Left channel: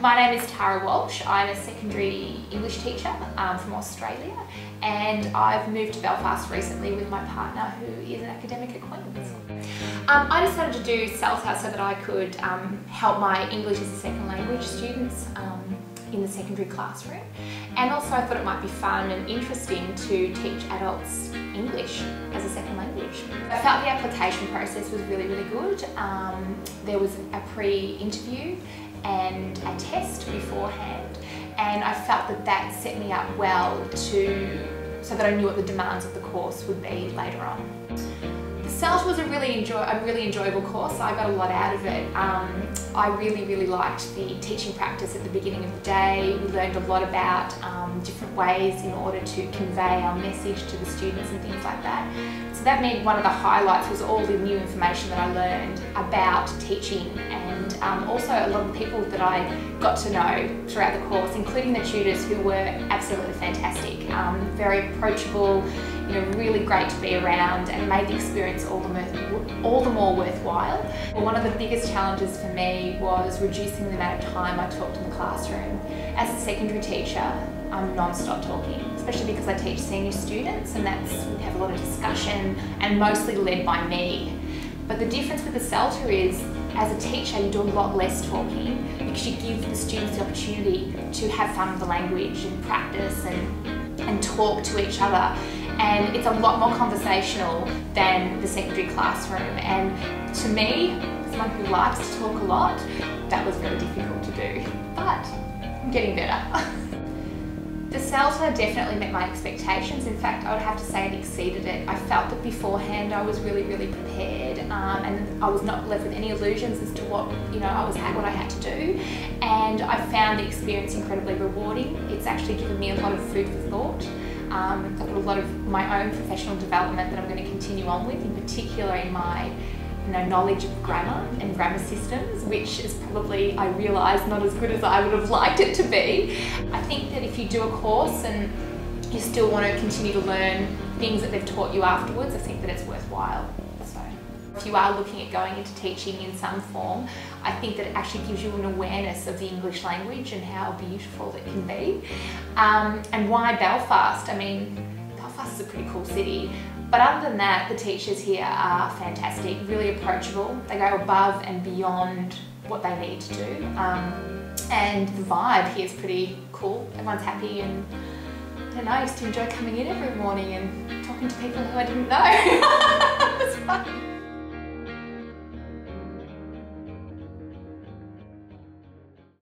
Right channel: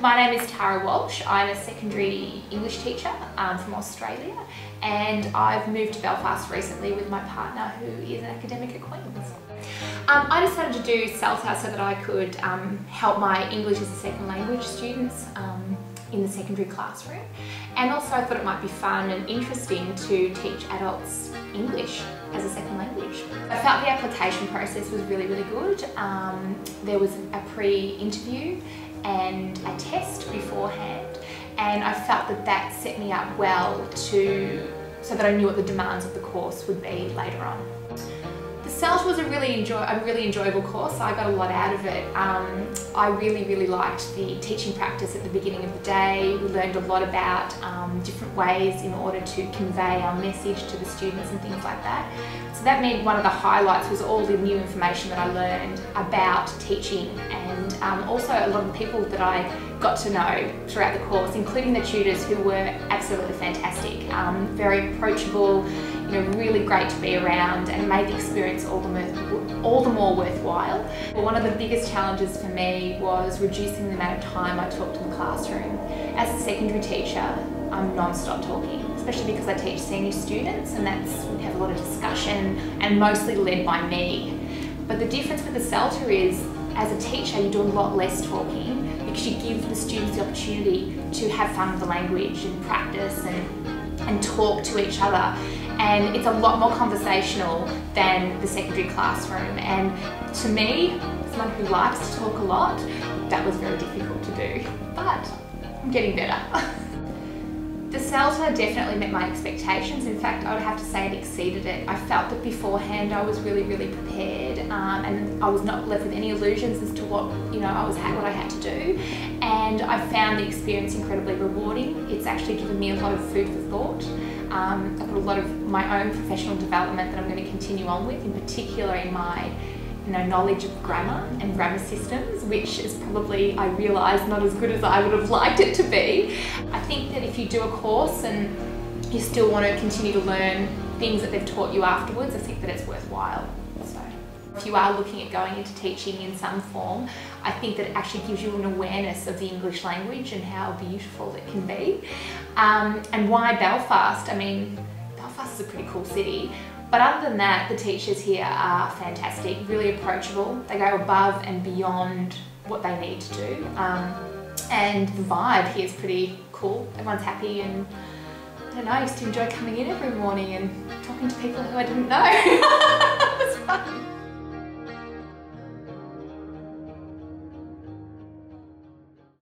My name is Tara Walsh. I'm a secondary English teacher from Australia, and I've moved to Belfast recently with my partner, who is an academic at Queen's. I decided to do CELTA so that I could help my English as a second language students in the secondary classroom, and also I thought it might be fun and interesting to teach adults English as a second language. I felt the application process was really good. There was a pre-interview and a test beforehand, and I felt that that set me up well so that I knew what the demands of the course would be later on. The CELTA was a really enjoyable course. I got a lot out of it. I really liked the teaching practice at the beginning of the day. We learned a lot about different ways in order to convey our message to the students and things like that. So that meant one of the highlights was all the new information that I learned about teaching, and also a lot of the people that I got to know throughout the course, including the tutors, who were absolutely fantastic, very approachable, really great to be around, and made the experience all the more worthwhile. One of the biggest challenges for me was reducing the amount of time I talked in the classroom. As a secondary teacher, I'm non-stop talking, especially because I teach senior students, and we have a lot of discussion and mostly led by me. But the difference with the CELTA is, as a teacher, you do a lot less talking because you give the students the opportunity to have fun with the language and practice and talk to each other. And it's a lot more conversational than the secondary classroom. And to me, someone who likes to talk a lot, that was very difficult to do. But I'm getting better. The CELTA definitely met my expectations. In fact, I would have to say it exceeded it. I felt that beforehand I was really prepared, and I was not left with any illusions as to what I had to do. And I found the experience incredibly rewarding. It's actually given me a lot of food for thought. I've got a lot of my own professional development that I'm going to continue on with, in particular in my knowledge of grammar and grammar systems, which is probably, I realise, not as good as I would have liked it to be. I think that if you do a course and you still want to continue to learn things that they've taught you afterwards, I think that it's worthwhile. So if you are looking at going into teaching in some form, I think that it actually gives you an awareness of the English language and how beautiful it can be. And why Belfast? I mean, Belfast is a pretty cool city. But other than that, the teachers here are fantastic, really approachable. They go above and beyond what they need to do. And the vibe here is pretty cool. Everyone's happy, and I don't know, I used to enjoy coming in every morning and talking to people who I didn't know.